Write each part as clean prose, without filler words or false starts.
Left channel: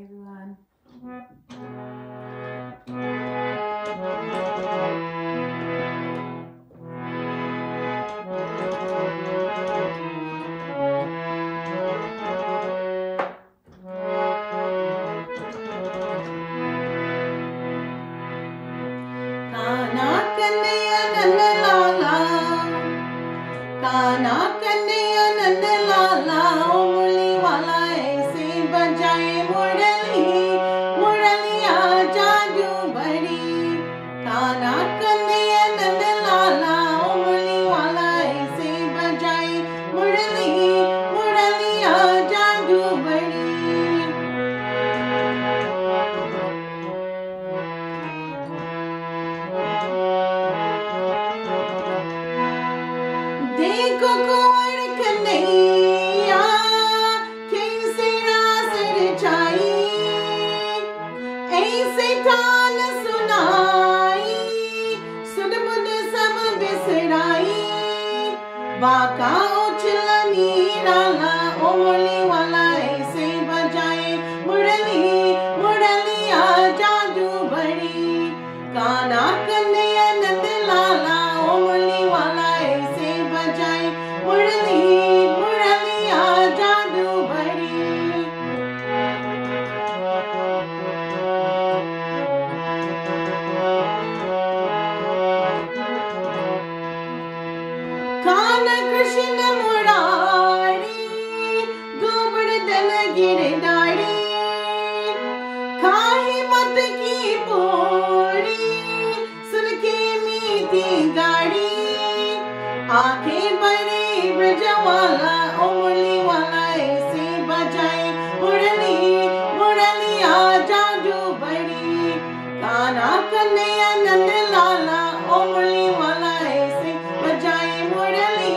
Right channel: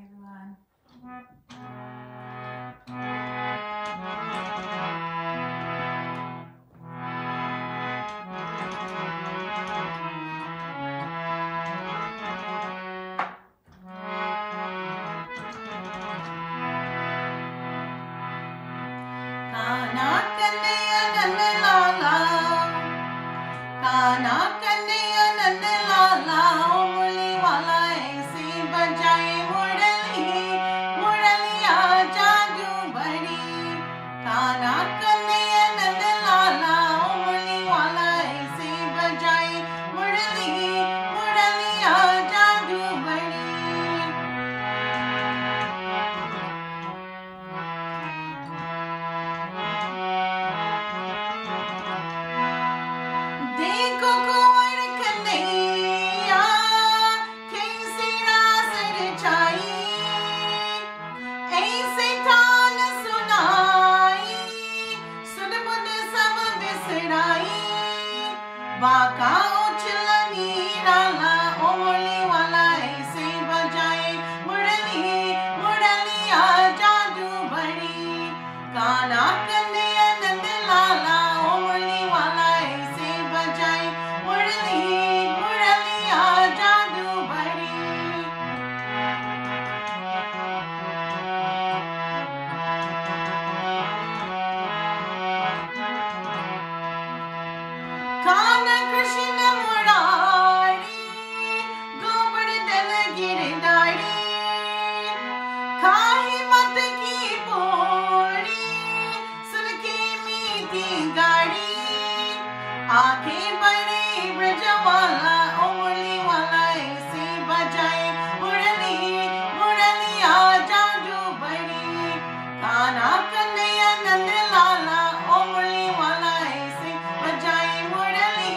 everyone. काना कन्हैया नंद लाला, काना कन्हैया नंद लाला, मुरली वाला ऐसे बजाए मुरली, मुरलिया जादू बड़ी। काना कन्हैया नंद लाला, मुरली वाला ऐसे बजाए मुरली, मुरलिया जादू बड़ी। देखो कुंवर कन्हैया कैसे रास रचाई, ऐसे ठान सुनाई, सुध बुध सब बिसराई। बाका उछला नीराला, ओ मुरली वाला ऐसे बजाए मुरली, मुरलिया जादू बड़ी। काना कन्हैया नंद लाला, ओ मुरली वाला ऐसे बजाए मुरली, मुरलिया जादू बड़ी। कान कृष्ण मुरारी, गोवर्धन गिरधारी, खाई मत की पूरी, सुन के मीठी गाड़ी। आंखें बड़े ब्रजवाला, ओ मुरली वाला ऐसे बजाए मुरली, मुरलिया जादू बड़ी। काना कन्हैया नंद लाला, ओ मुरली वाला ऐसे बजाए मुरली,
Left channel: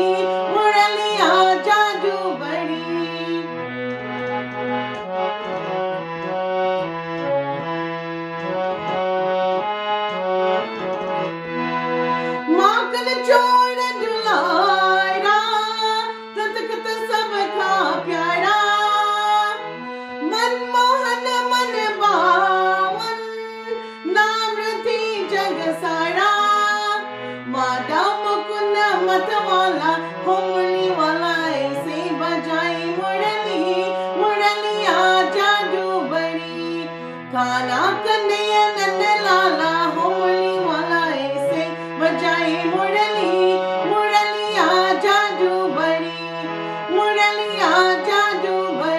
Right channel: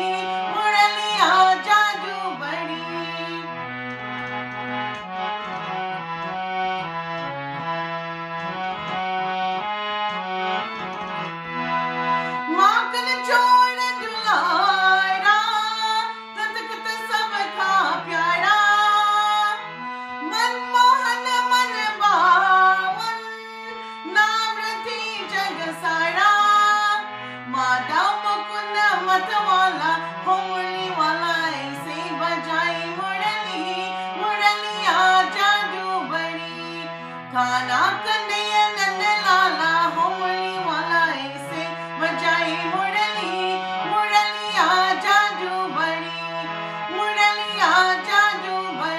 मुरलिया जादू बड़ी। माखन चोर दुलारा, तथगत सबका प्यारा, मनमोहन मन भावन, नाम रति जग सारा। माता मुकुंद मतवाला, हो मुरली वाला ऐसे बजाए मुरली, मुरलिया जादू बड़ी। काना कन्हैया नंद लाला, हो मुरली वाला ऐसे बजाए मुरली, मुरलिया जादू बड़ी, मुरलिया जादू बड़ी।